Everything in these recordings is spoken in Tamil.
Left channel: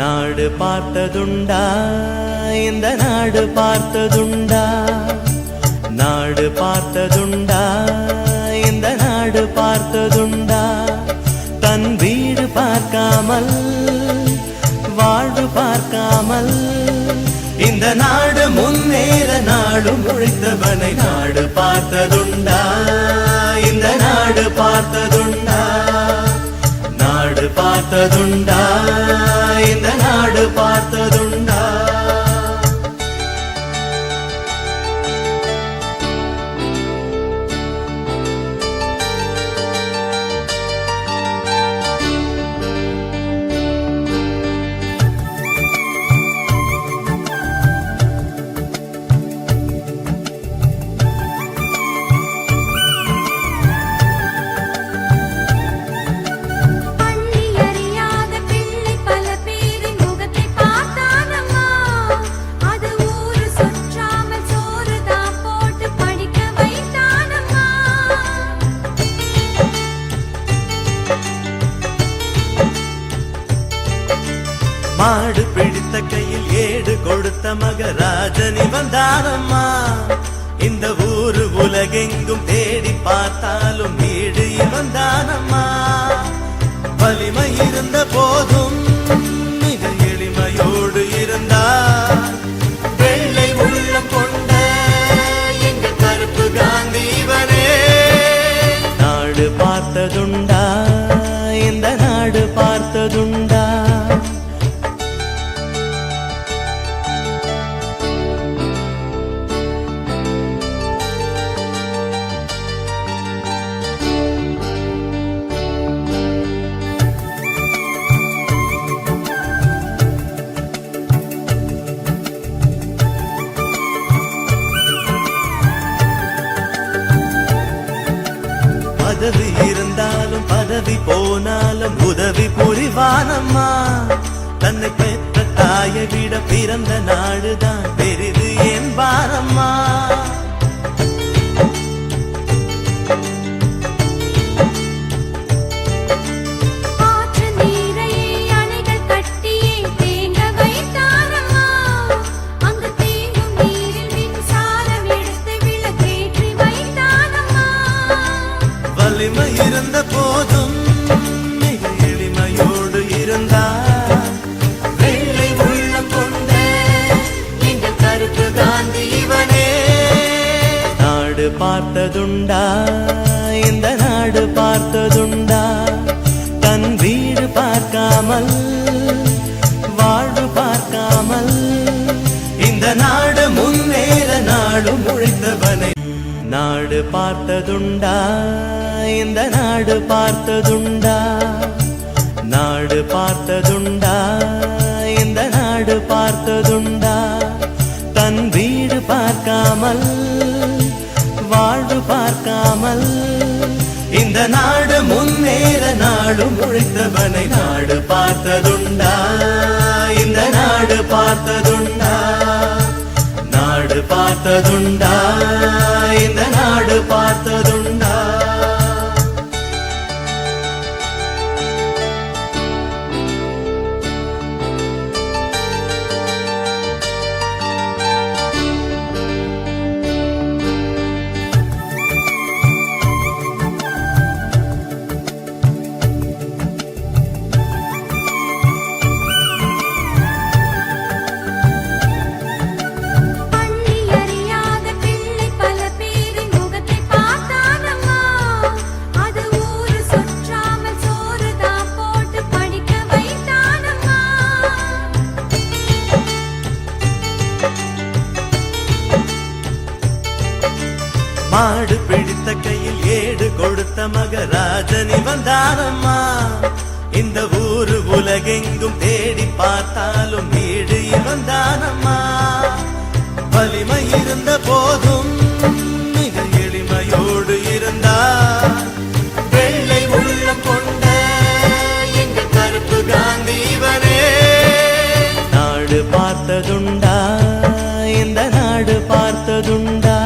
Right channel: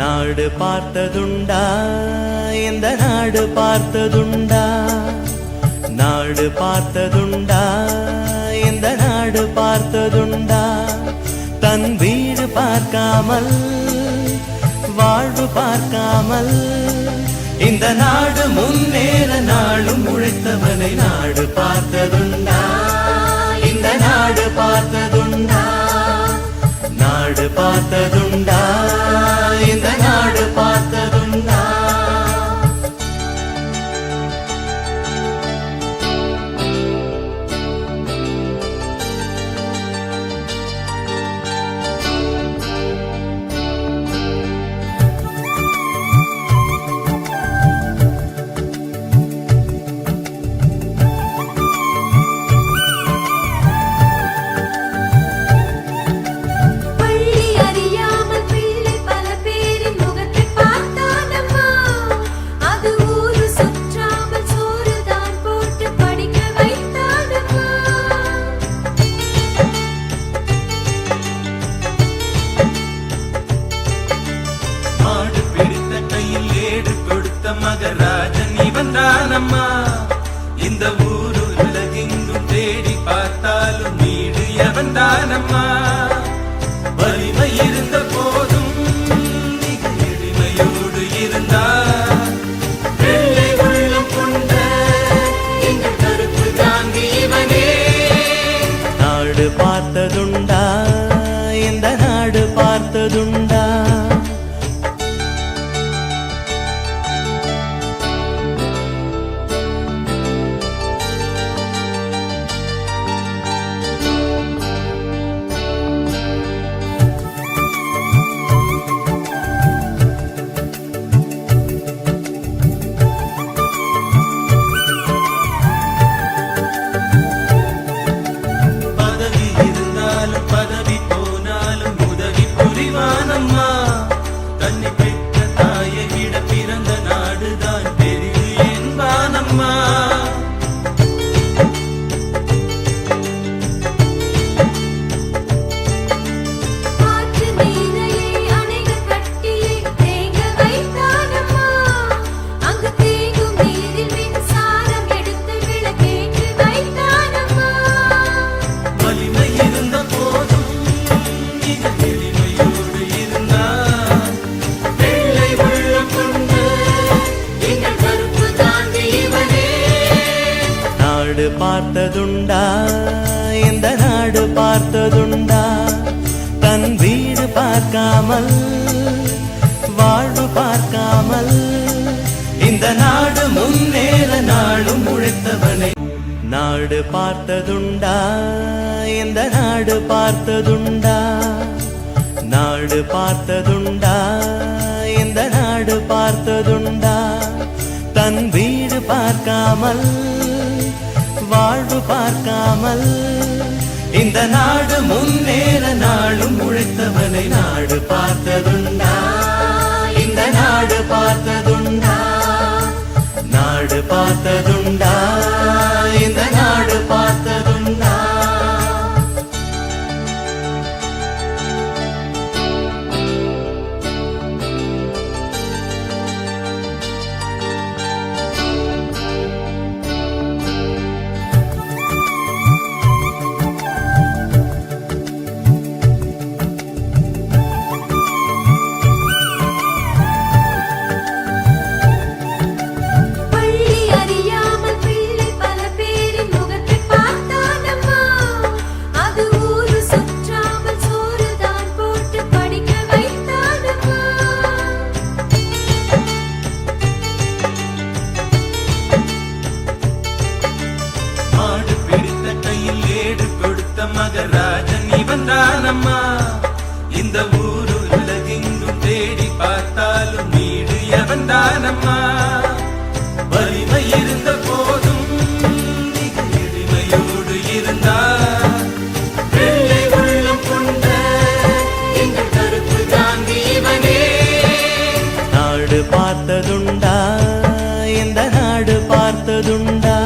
நாடு பார்த்ததுண்டா இந்த நாடு பார்த்ததுண்டா நாடு பார்த்ததுண்டா இந்த நாடு பார்த்ததுண்டா தன் வீடு பார்க்காமல் வாழ்வு பார்க்காமல் இந்த நாடு முன்னேற நாடும் உழைத்தவனை நாடு பார்த்ததுண்டா இந்த நாடு பார்த்ததுண்டா நாடு பார்த்ததுண்டா இந்த நாடு பார்த்ததுண்டா மகராஜனி வந்தானம்மா இந்த ஊரு உலகெங்கும் தேடி பார்த்தாலும் வீடு வந்தானம்மா வலிமை இருந்த போதும் மிக எளிமையோடு இருந்தார் வெள்ளை உள்ளம் கொண்ட எங்க கருப்பு காந்திவனே நாடு பார்த்ததுண்டா இந்த நாடு பார்த்ததுண்டா நாடு பார்த்ததுண்டா இந்த நாடு பார்த்ததுண்டா தன் வீடு பார்க்காமல் வாழ்வு பார்க்காமல் இந்த நாடு முன்னேற நாடும் உழைத்தவனை நாடு பார்த்ததுண்டா இந்த நாடு பார்த்ததுண்டா நாடு பார்த்ததுண்டா இந்த நாடு பார்த்ததுண்டா தன் வீடு பார்க்காமல் வாழ்வு பார்க்காமல் இந்த நாடு முன்னேற நாடும் உழைத்தவனை நாடு பார்த்ததுண்டா இந்த நாடு பார்த்ததுண்டா நாடு பார்த்ததுண்டா இந்த நாடு பார்த்ததுண்டா மகராஜனி வந்தானம்மா இந்த ஊரு உலகெங்கும் தேடி பார்த்தாலும் வீடு வந்தானம்மா வலிமை இருந்த போதும் மிக எளிமையோடு இருந்தார் வெள்ளை உள்ளம் கொண்ட எங்க கருப்பு காந்திவனே நாடு பார்த்ததுண்டா இந்த நாடு பார்த்ததுண்டா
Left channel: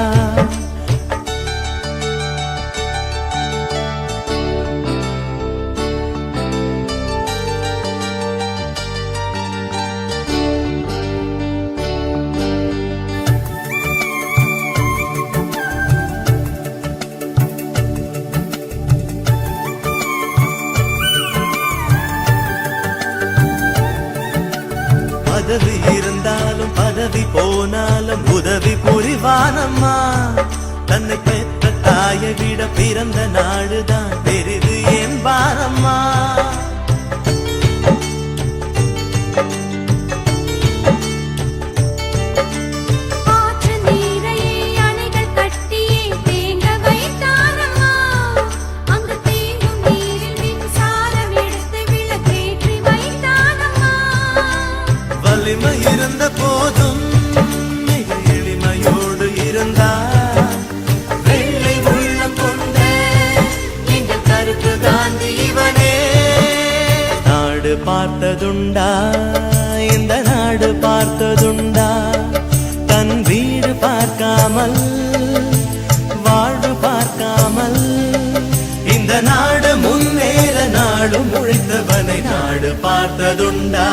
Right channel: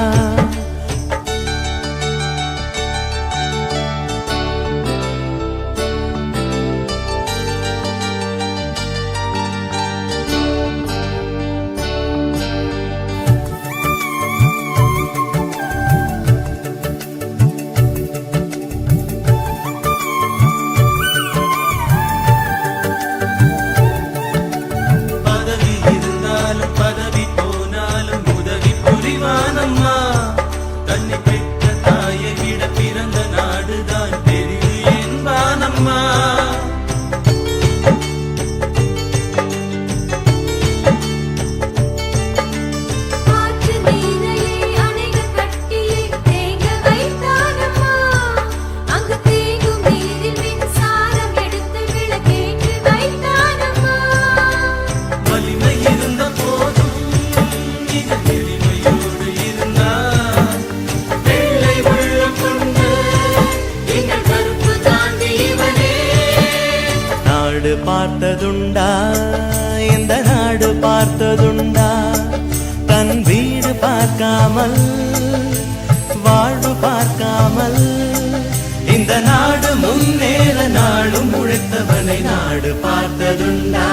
பார்த்ததுண்டா இந்த நாடு பார்த்ததுண்டா தன் வீடு பார்க்காமல் வாழ்வு பார்க்காமல் இந்த நாடு முன்னேற நாடு முழித்தவனை நாடு பார்த்ததுண்டா